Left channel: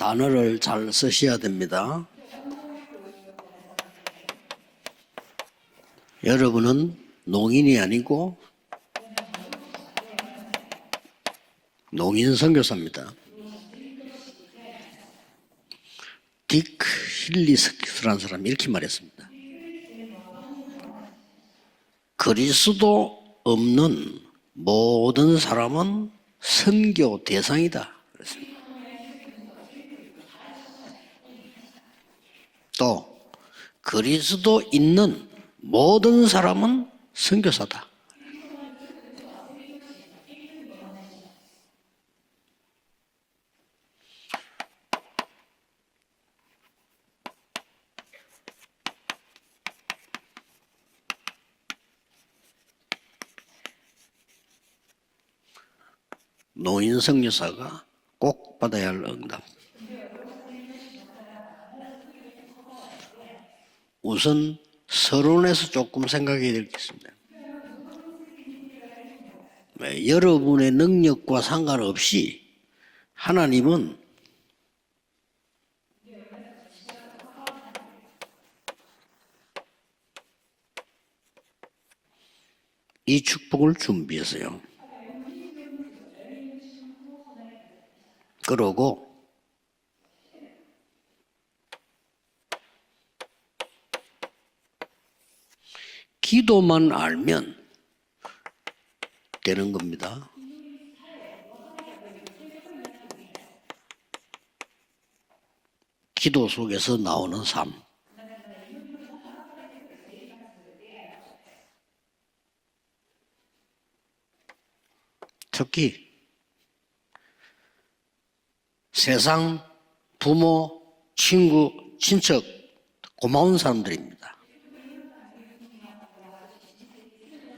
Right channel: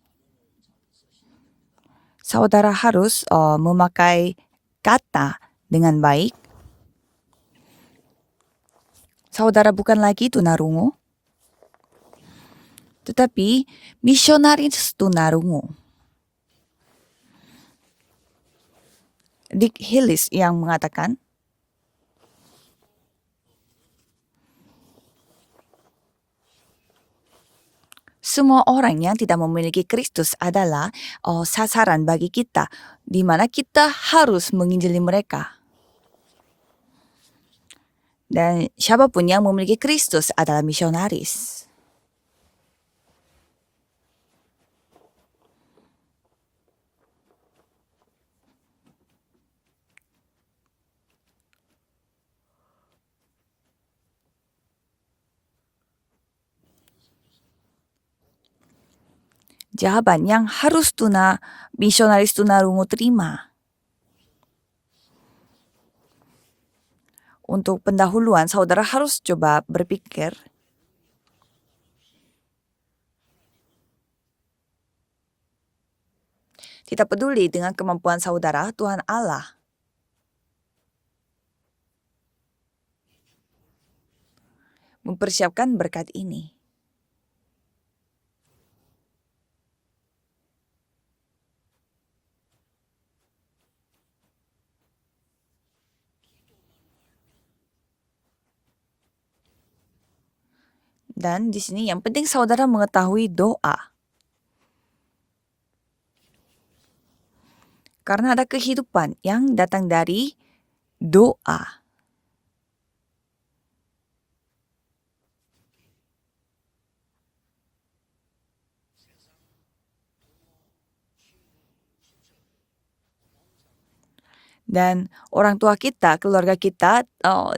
단어를 잘 쓰셔야 됩니다. Saudara harus memakai kata dengan baik. 여러분은 농인이 아니고 Saudara bukan lagi tunarungu, 농인 선교사입니다. tetapi misionaris tunarungu. 딕 힐리스라는 사람이 이렇게 말했습니다. Dick Hillis yang mengatakan, 그리스도 없는 모든 사람은 선교 대상이다. semua orang yang tidak memiliki Kristus adalah sasaran bagi kita, 또 di mana kita harus 그리스도 menginjili 있는 mereka. 모든 사람은 선교사다. Dan siapapun yang memiliki Kristus adalah misionaris. 노인 선교사가 꼭 받아야 할 응답. Jawaban yang harus misionaris tunarungu terima. 우선 서론에서 조금 생각해야 될 게 있습니다. Untuk pendahuluan, saudara harus coba berpikir. 여러분의 능력과 상관없이 하나님은 Kita peduli dengan kemampuan saudara, Tuhan Allah 이 축복을 준비했어요. mempersiapkan berkat ini. 그러고 기도만 알면 되는 겁니다. Dan di sini yang penting saudara mengetahui doa. 기도 속에서 나오는 삶. Karena ada kehidupan yang datang dari doa. 특히 세상 부모, 친구, 친척 고마운 사람들입니다. Dan orang tua kita, keluarga kita,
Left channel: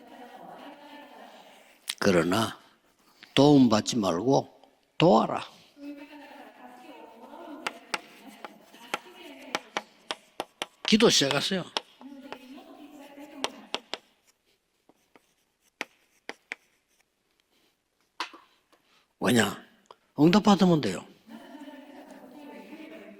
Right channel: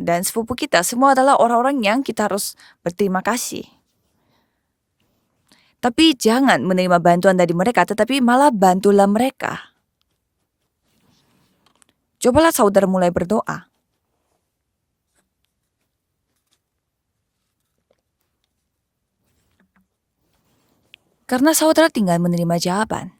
dan sepupu kita, semua adalah orang-orang yang kita Karena harus berterima kasih. 도움받지 말고 도와라. Tapi jangan menerima bantuan dari mereka, tetapi malah bantulah mereka. 기도 시작하세요. Cobalah saudara mulai berdoa. 왜냐? 응답받으면 돼요. Karena saudara tinggal menerima jawaban.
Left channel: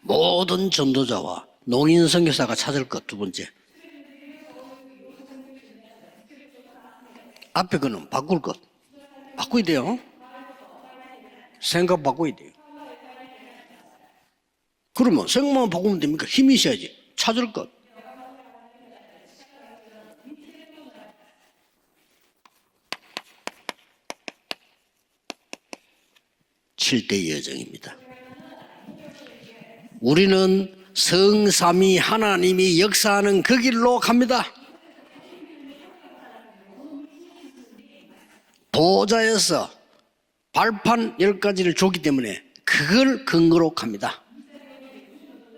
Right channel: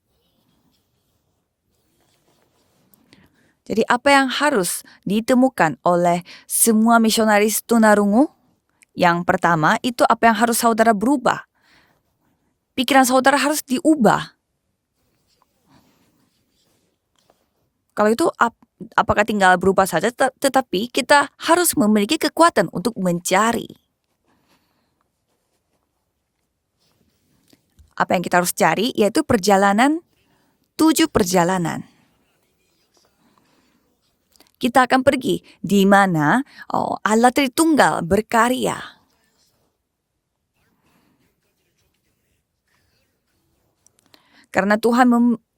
모든 전도자와 농인 선교사가 찾을 것 두 번째. Jadi apa yang harus ditemukan oleh semua misionaris 앞에 거 tunarungu? 바꿀 것. Yang pertama 돼요. itu apa yang harus saudara berubah. 생각 바꿔야 돼요. Pikiran saudara harus diubah. 그러면 생각만 바꾸면 됩니까? 힘이 있어야지. 찾을 것. Kalau itu apakah tinggal berubah saja, tetapi kita harus memiliki kekuatan untuk mencari. 7대 여정입니다. Apa yang kita harus cari yaitu perjalanan. 우리는 tujuh perjalanan. 성삼위 하나님이 역사하는 그 길로 갑니다. Kita akan pergi di mana Allah Tritunggal berkarya. 보좌에서 발판 10가지를 줬기 때문에 그걸 근거로 갑니다. Karena Tuhan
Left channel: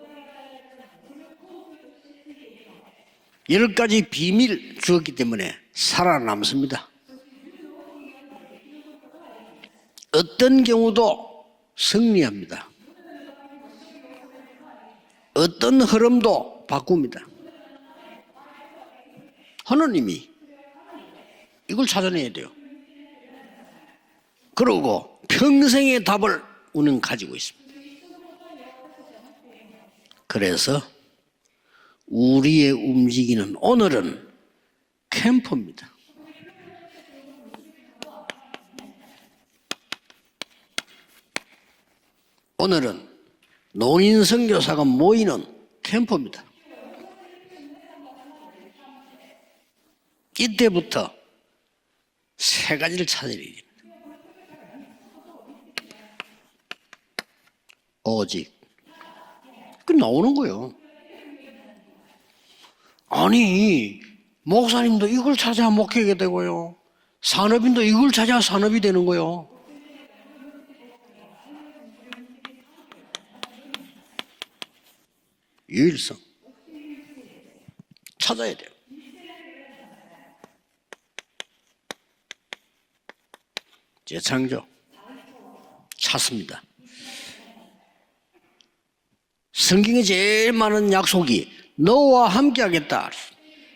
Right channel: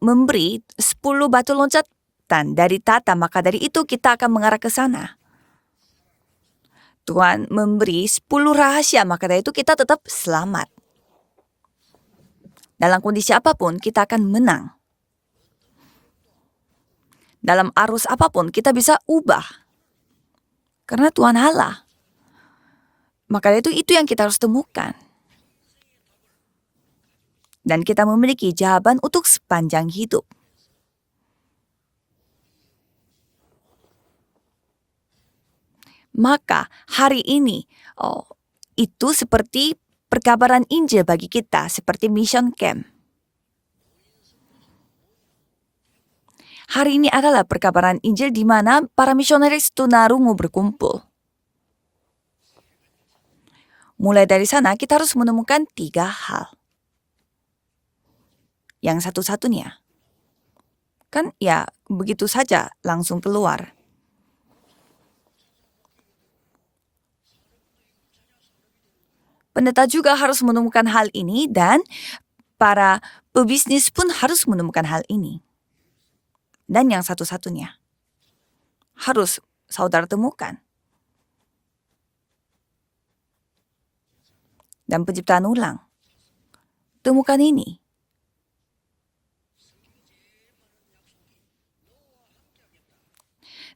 memberi 10 batu loncatan dari tata, maka dari itu 10가지 kita akan mengarah ke 비밀 sana. 주었기 때문에 살아남습니다. Tuhan memberi 10 rahasia, maka dari itu kita tetap 어떤 selamat. 경우도 승리합니다. Dalam kondisi apapun kita akan menang. 어떤 흐름도 바꿉니다. Dalam arus apapun kita bisa ubah. 하나님이 Karena Tuhan Allah. 이걸 찾아내야 돼요. Maka dari itu yang kita harus temukan. 그리고 평생의 답을 우리는 가지고 있습니다. Dan kita memiliki jawaban untuk sepanjang hidup. 그래서 우리의 움직이는 오늘은 캠프입니다. Maka hari ini itu seperti perkabaran Injil bagi kita, seperti mission camp. 오늘은 농인 선교사가 모이는 캠프입니다. Hari ini adalah perkabaran Injil di mana para misionaris tunarungu berkumpul. 이때부터 세 가지를 찾아야 돼요. Mulai dari sana kita harus menemukan 3 hal. 오직 Yang satu-satunya. 그 나오는 거예요. Kan ya begitu saja langsung keluar. 아니 목사님도 이걸 찾아야 목회가 되고요. 산업인도 이걸 찾아야 산업이 되는 거예요. Pendeta juga harus menemukan hal ini dan para pebisnis pun harus menemukan hal ini. 유일성 Dan yang satu-satunya 찾아야 돼요. harus saudara temukan. 재창조 Dan penciptaan ulang. 찾습니다. Temukan ini. 성경에 제일 많은 약속이 너와 함께 하겠다.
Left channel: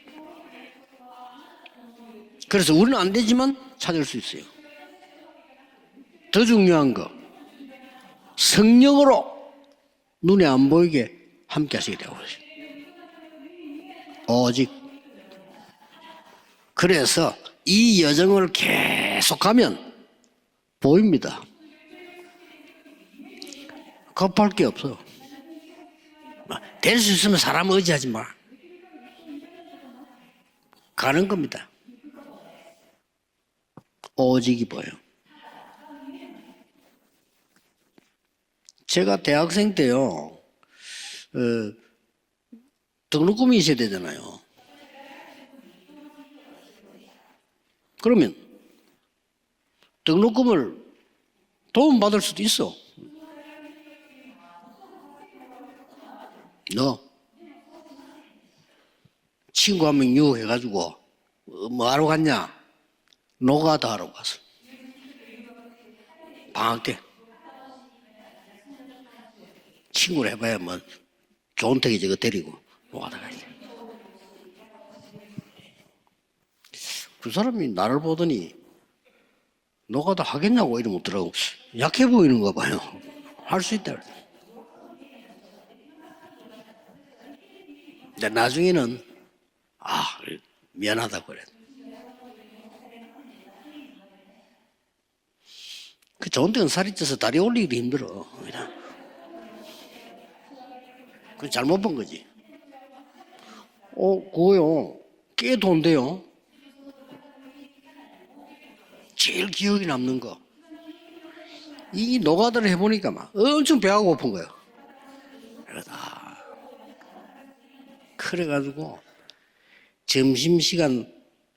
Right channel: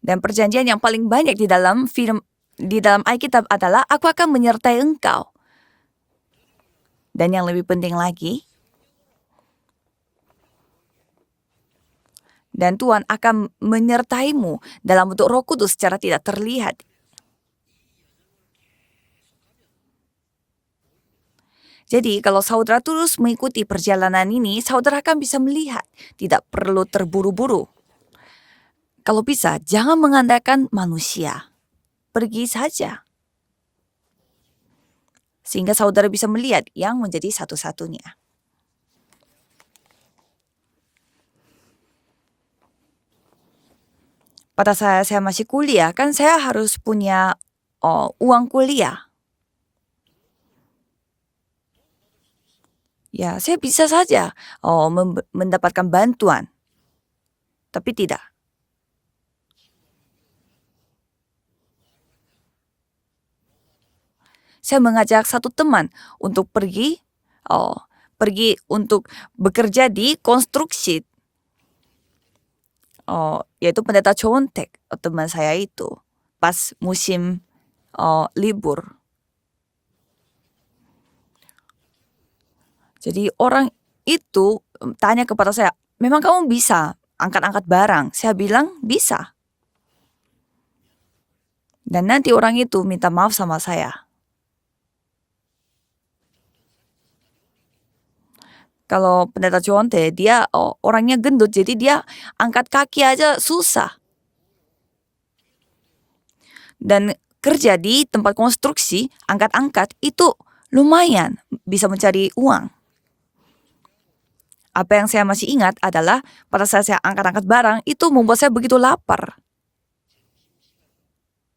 Dan perjanjian yang paling banyak di dalam film 그래서 di 우리는 dalam 안 Alkitab 되지만 adalah 찾을 aku 수 akan 있어요. menyertai engkau. 더 중요한 거 Dan yang lebih penting lagi, 성령으로 눈에 안 보이게 함께 하시게 되고 있어요. dan Tuhan akan menyertaimu 오직. dalam bentuk Roh Kudus secara tidak terlihat. 그래서 이 여정을 계속하면 보입니다. Jadi kalau saudara terus mengikuti perjalanan Apa ini, yang saudara akan bisa melihat. Tidak perlu 될 수 있으면 terburu-buru. 사람 의지하지 마. Kalau bisa, jangan mengandalkan 가는 manusia. 겁니다. Pergi saja. 오직이 보여. Sehingga saudara bisa melihat yang menjadi satu-satunya. 제가 대학생 때요. 등록금이 있어야 되잖아요. Pada saya masih kuliah, kan saya harus punya 그러면- uang kuliah. 등록금을 도움 받을 수도 있어. Ya, saya bisa saja mendapatkan bantuan, 너 tapi tidak. 친구 한 명 유혹해가지고 뭐 하러 갔냐? 노가다 하러 갔어. Saya mengajak satu teman untuk pergi, pergi untuk bekerja di 친구를 konstruksi, 조은택이 저거 데리고. 와, yaitu pendeta Chontek, teman saya itu, pas musim 그 사람이 나를 보더니 libur. 노가다 하겠냐고 이러면 어더라고. 약해 보이는가 봐요. Jadi orang 수 있다. itu tanya kepada saya, memang kamu bisa angkat-angkat barang? Saya bilang 나중에는- bisa. 아 미안하다 그래. Dan nanti orang itu minta maaf sama saya. 그 조은택은 살이 쪄서 다리 올리기도 힘들어. Kalau pendeta Chontek, dia orangnya gendut, 잘못 jadi dia 본 거지. angkat kaki aja susah. 그거요. 꽤 돈데요. Dan kerja di tempat konstruksi, 제일 angkat-angkat 기억에 남는 itu lumayan bisa 이 mencari 노가다를 uang. 해보니까 막 엄청 배가 고픈 거예요. Apa yang saya masih ingat adalah pada saat saya angkat-angkat barang itu membuat saya begitu lapar. 점심 시간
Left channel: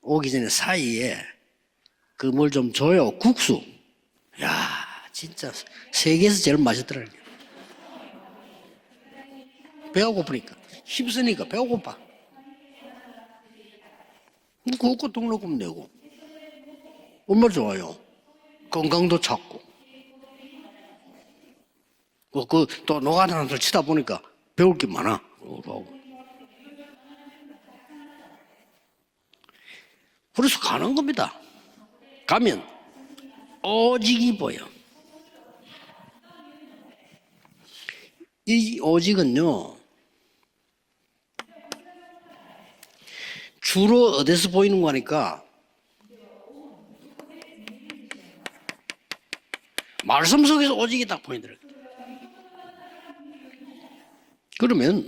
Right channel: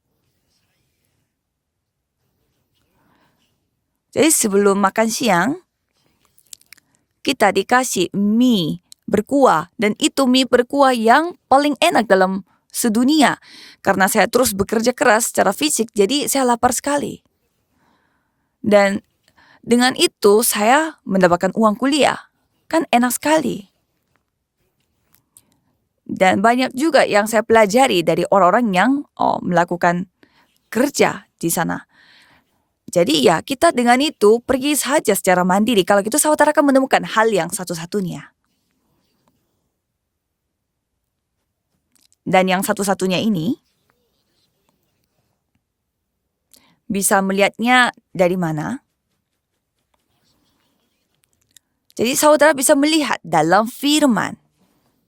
오기 전에 사이에 그 뭘 좀 줘요. 국수. Jadi sebelum makan siang, 세계에서 제일 맛있더라고요. kita dikasih mie berkuah, dan 배가 itu mie 고프니까. berkuah yang 심지니까 배가 paling 고파. enak dalam sedunia. Karena saya terus bekerja 먹고 keras 먹고 secara 먹고. fisik, jadi saya lapar sekali. 얼마나 좋아요. Dan 건강도 찾고. dengan itu saya mendapatkan uang kuliah. Kan 또 enak sekali. 노가다를 치다 보니까 배울 게 많아. Dan banyak juga yang saya pelajari dari orang-orang yang melakukan 그래서 가는 kerja 겁니다. di sana. 가면 Jadi ya kita dengan 오직이 itu 뭐예요? pergi saja secara mandiri. Kalau gitu saudara akan menemukan hal yang satu-satunya. 이 오직은요. Dan yang satu-satunya ini 주로 어디서 보이는 거니까 bisa melihatnya dari mana? 말씀 속에서 오직이 딱 보이더라고요. Jadi saudara bisa melihat dalam firman. 그러면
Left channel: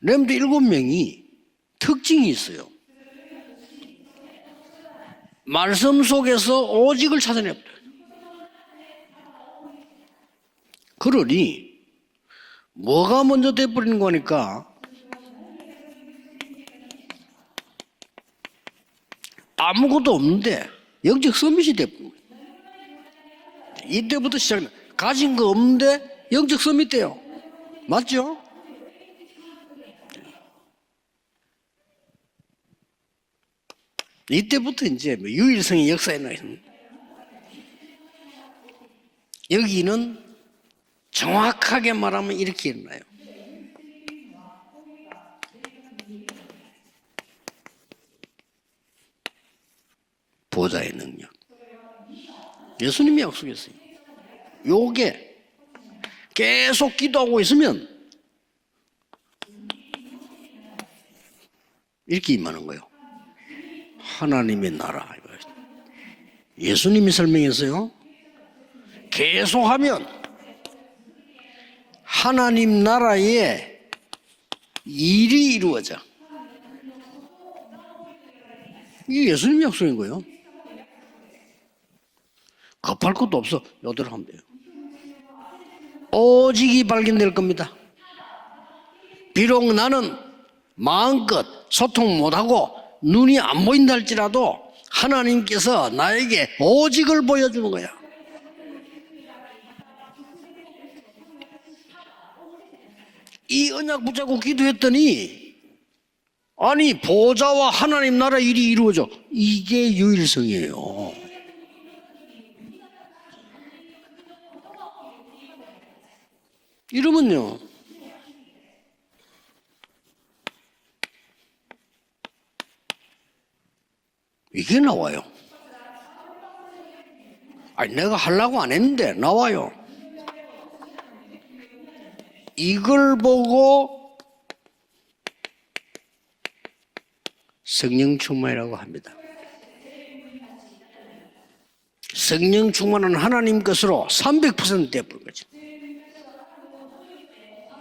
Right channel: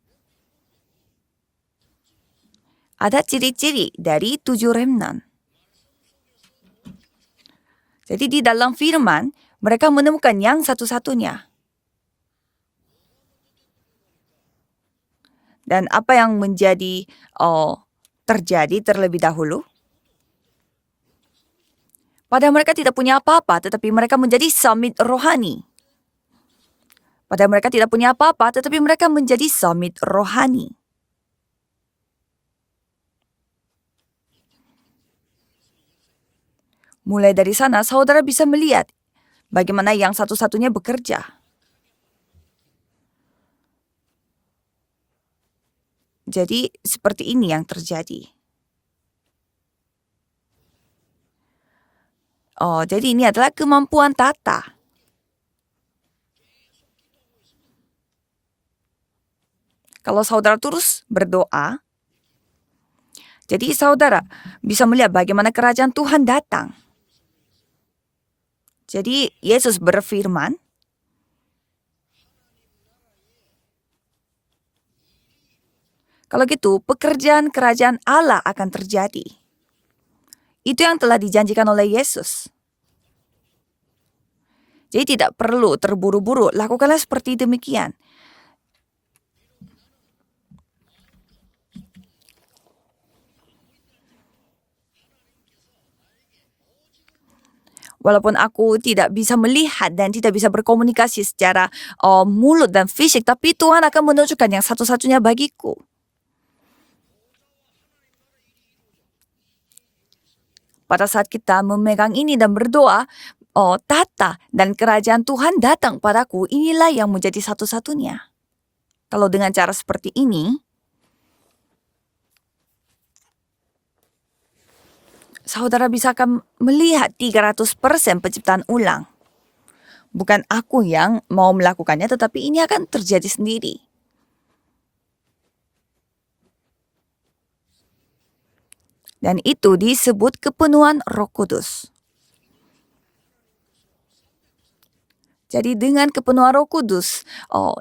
렘드 7명이 특징이 있어요. Ada ciri-ciri dari 7 remnant. 말씀 속에서 오직을 찾아내요. Jadi di dalam firman mereka menemukan yang satu-satunya. 그러니 뭐가 먼저 돼버리는 거니까 Dan apa yang menjadi terjadi terlebih dahulu? 아무것도 없는데 영적 서밋이 돼버린 거예요. Padahal mereka tidak punya apa-apa, tetapi mereka 이때부터 menjadi 시작- summit 가진 거 rohani. 없는데 영적 서밋 돼요. Padahal mereka tidak punya 맞죠? apa-apa, tetapi mereka menjadi summit rohani. 이때부터 이제 뭐 유일성의 역사에 나있는 Mulai dari sana, saudara bisa melihat bagaimana 여기는 yang satu-satunya bekerja. 정확하게 말하면 이렇게 일어나요. Jadi seperti ini yang terjadi. 보좌의 능력. Jadi ini adalah kemampuan tata. 요게 계속 기도하고 있으면 Kalau saudara terus berdoa, 이렇게 임하는 거예요. jadi saudara 하나님의 bisa melihat bagaimana kerajaan Tuhan datang. 예수님이 설명했어요. Jadi 계속 Yesus 하면 berfirman, 하나님 나라에 일이 이루어져. kalau gitu pekerjaan kerajaan Allah akan terjadi. 이게 예수님 약속인 거예요. Itu yang telah dijanjikan oleh Yesus. 급할 것도 없어. 여대로 하면 돼요. Jadi tidak perlu terburu-buru, 오직이 lakukanlah 발견될 seperti 겁니다. demikian. 비록 나는 마음껏 소통 못하고 눈이 안 보인다 할지라도 하나님께서 나에게 오직을 보여주는 거야. Walaupun aku tidak bisa melihat dan tidak bisa berkomunikasi secara mulut dan fisik, tapi Iya, Tuhan akan betul, menunjukkan yang begitu satu-satunya 했더니. bagiku. 아니 보좌와 하나님 나라 일이 이루어져. 이게 유일성이에요. Pada saat kita memegang ini dan berdoa, tata dan kerajaan Tuhan datang padaku. Inilah yang 이러면요. menjadi satu-satunya. Kalau dengan cara seperti ini, 이게 나와요. saudara bisa akan melihat 300% 내가 penciptaan 하려고 안 ulang. 했는데 나와요. Bukan aku yang mau melakukannya, tetapi ini akan 이걸 terjadi sendiri. 보고 성령 충만이라고 합니다. Dan itu disebut kepenuhan Roh Kudus. 성령 충만은 하나님 것으로 300% 돼버린 거죠. Jadi dengan kepenuhan Roh Kudus,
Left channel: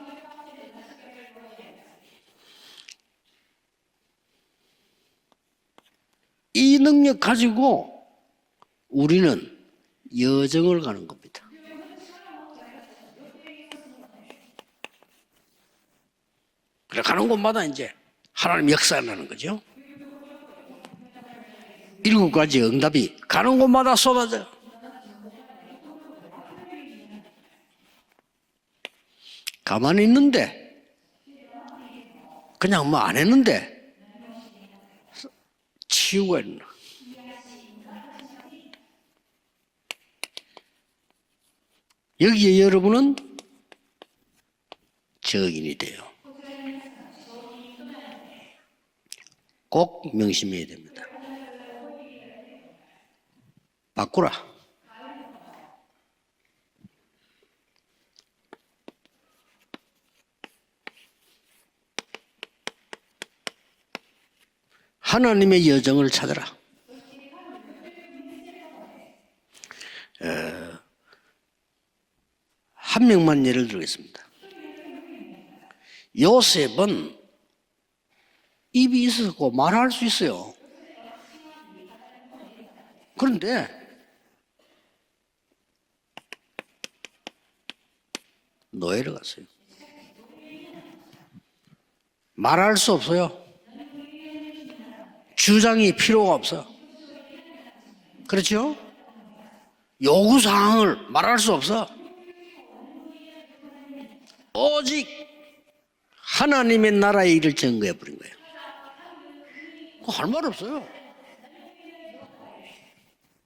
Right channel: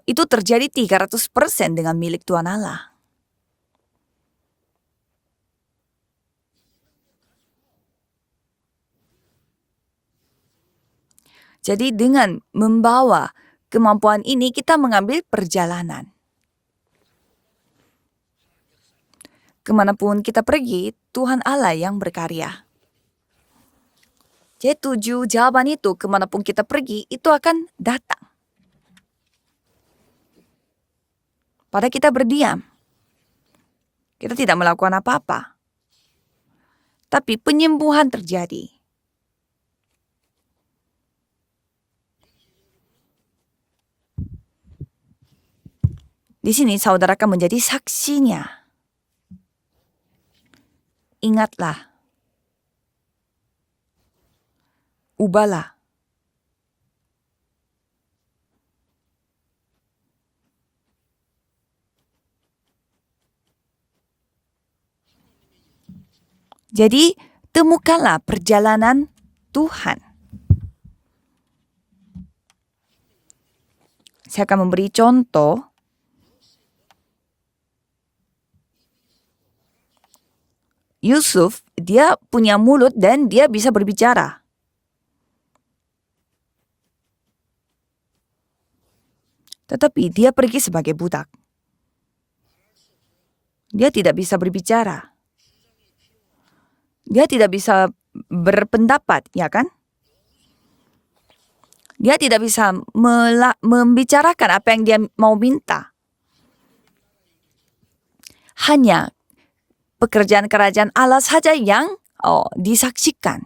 itu terjadi 300% dengan milik Tuhan Allah. 이 능력 가지고 우리는 여정을 가는 겁니다. Jadi dengan membawa kemampuan ini kita mengambil perjalanan. 그래 가는 곳마다 이제 하나님 역사하는 거죠. Kemanapun kita pergi, Tuhan Allah yang 일곱 berkarya. 가지 응답이 가는 곳마다 쏟아져. Jadi 7 jawaban itu kemanapun kita pergi itu akan datang. 가만히 있는데 Pada kita berdiam, 그냥 뭐 안 했는데 kita tidak melakukan apa-apa. 치유가 있나. Tapi penyembuhan terjadi. 여기에 여러분은 증인이 돼요. Di sini saudara akan menjadi saksinya. 꼭 명심해야 됩니다. Ingatlah, 바꾸라. ubahlah. 하나님의 여정을 찾아라. Jadi temukanlah perjalanan Tuhan. 한 명만 예를 들겠습니다. Saya akan memberi contoh. 요셉은 입이 있었고 말할 수 있어요. Yusuf, dia punya mulut dan dia 그런데 bisa berbicara. 노예로 갔어요. Tetapi dia pergi sebagai budak. 말할 수 없어요. Dia tidak bisa berbicara. 주장이 필요가 없어. Dia tidak bisa 그렇죠? berpendapat, ya kan? 요구 사항을 말할 수 없어. Dia tidak bisa membicarakan apa yang dia mau minta. 하나님의 나라의 일을 증거해 버린 거예요. Hanya pekerjaan kerajaan Allah saja yang disaksikan.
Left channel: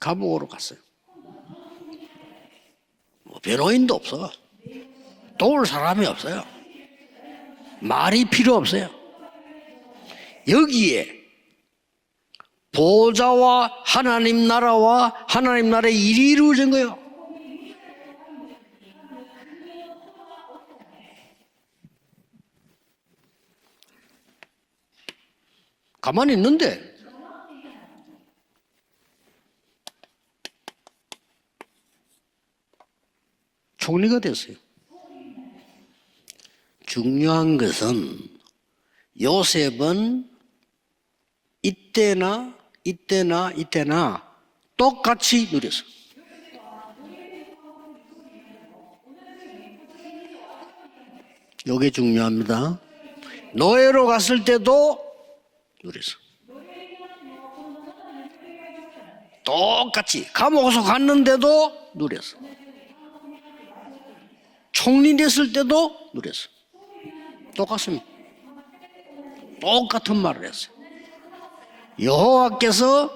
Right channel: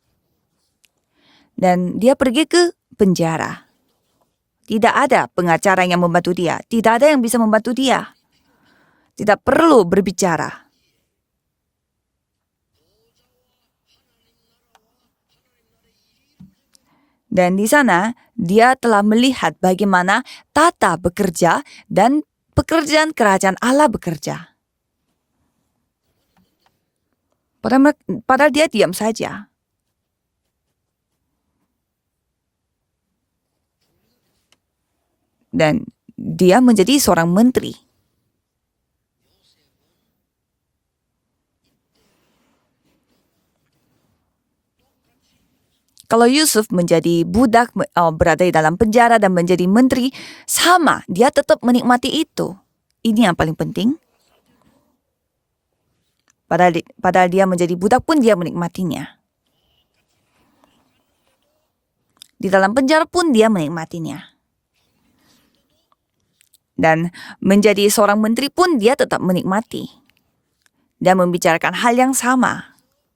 감옥으로 갔어요. Dan dia pergi ke penjara. 변호인도 없어. Tidak ada pengacara yang membantu dia. Tidak ada yang bisa membantu dia. 말이 필요 없어요. Tidak perlu berbicara. 여기에 보좌와 하나님 나라의 일이 이루어진 거예요. Dan di sana dia telah melihat bagaimana tata bekerja dan pekerjaan kerajaan Allah bekerja. 가만히 있는데 Padahal dia diam saja. 총리가 됐어요. Dan dia menjadi seorang 중요한 menteri. 것은 요셉은 이때나 똑같이 누렸어. Kalau Yusuf menjadi budak, berada di dalam penjara dan menjadi menteri, sama, dia tetap menikmati itu. 중요합니다. Ini yang paling penting. 노예로 갔을 때도 누렸어. Padahal dia menjadi budak pun dia menikmatinya. 똑같이 감옥에서 갔는데도 누렸어. Di dalam penjara pun dia menikmatinya. 총리 됐을 때도 누렸어. Dan menjadi seorang menteri pun dia tetap menikmati. 똑같은 말을 했어. Dan membicarakan hal yang sama. 여호와께서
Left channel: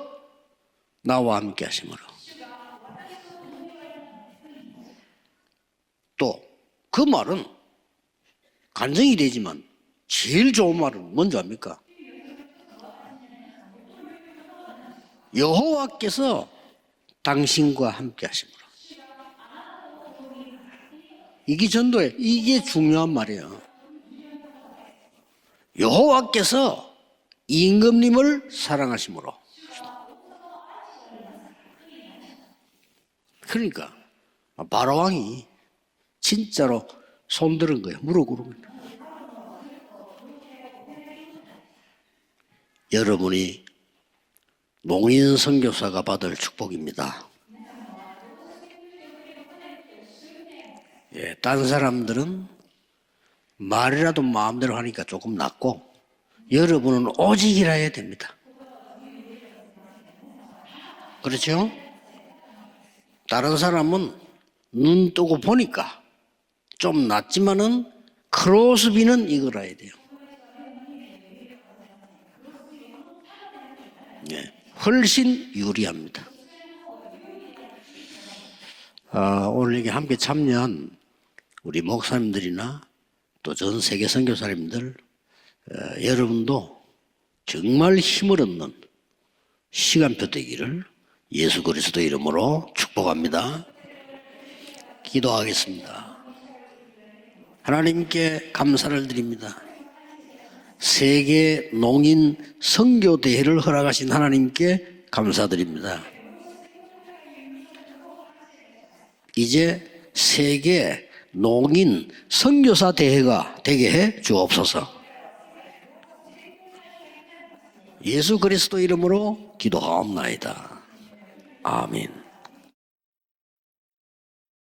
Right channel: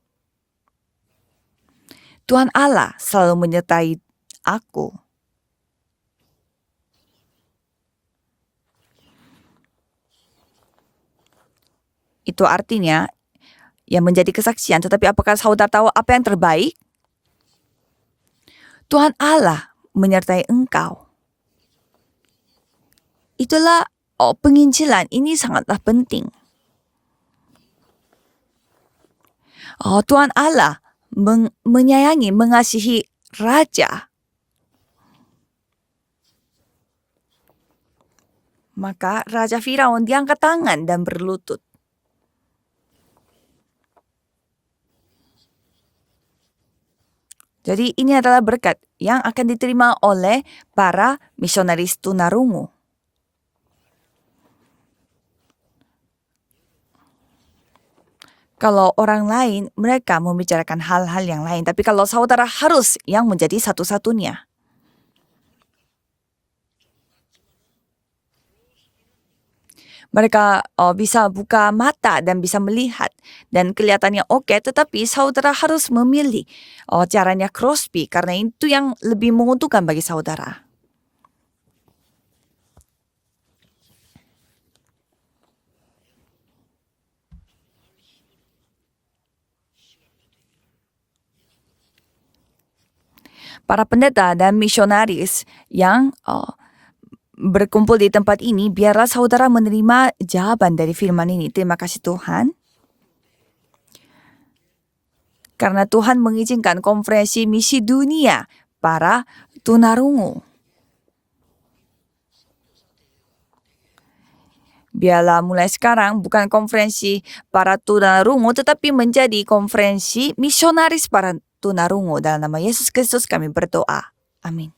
나와 함께 하심으로. Tuhan Allah selalu menyertai aku. 또 그 말은 간증이 되지만 제일 좋은 말은 뭔지 압니까? Itu artinya yang menjadi kesaksian. Tetapi apakah saudara tahu apa yang terbaik? 당신과 함께 하심. Tuhan Allah menyertai engkau. 이게 전도에 이게 중요한 말이에요. Itulah penginjilan. Ini sangatlah penting. 여호와께서 임금님을 사랑하심으로. Tuhan Allah menyayangi, mengasihi raja. 바로왕이 진짜로 손들은 거예요. 무릎 꿇은 거예요. Maka Raja Firaun diangkat tangan dan berlutut. 여러분이 농인 선교사가 받을 축복입니다. Jadi ini adalah berkat yang akan diterima oleh para 다른 misionaris 사람들은 tunarungu. 말이라도 마음대로 하니까 조금 낫고 여러분은 오직이라 해야 됩니다. Kalau orang lain, mereka membicarakan hal-hal yang 그렇죠? lain. Tapi kalau saudara harus yang menjadi 다른 사람은 satu-satunya. 눈 뜨고 보니까 좀 낫지만은 크로스비는 이걸 알아야 돼요. Mereka bisa buka mata dan bisa melihat dan kelihatannya oke, tetapi 훨씬 saudara harus 유리합니다. memilih caranya Crosby karena itu yang lebih 오늘 menguntungkan 이렇게 bagi 함께 saudara. 참여한 우리 목사님들이나 또 전 세계 선교사님들 여러분도 정말 힘을 얻는 시간표 되기를 예수 그리스도 이름으로 축복합니다. Para pendeta dan misionaris 기도하겠습니다. yang berkumpul di 하나님께 tempat ini, 감사를 biarlah 드립니다. saudara menerima jawaban dari firman ini. 세계 Terima kasih Tuhan. 농인 선교 대회를 허락하신 하나님께 감사드립니다. Karena Tuhan mengizinkan konferensi misi dunia para 이제 tunarungu. 세계 농인 선교사 대회가 되게 해 주옵소서. Biarlah mulai sekarang bukan konferensi para tunarungu, Yesus tetapi Kristus menjadi 이름으로 konferensi 기도하옵나이다. misionaris para tunarungu. Dalam nama Yesus Kristus kami berdoa. Amin.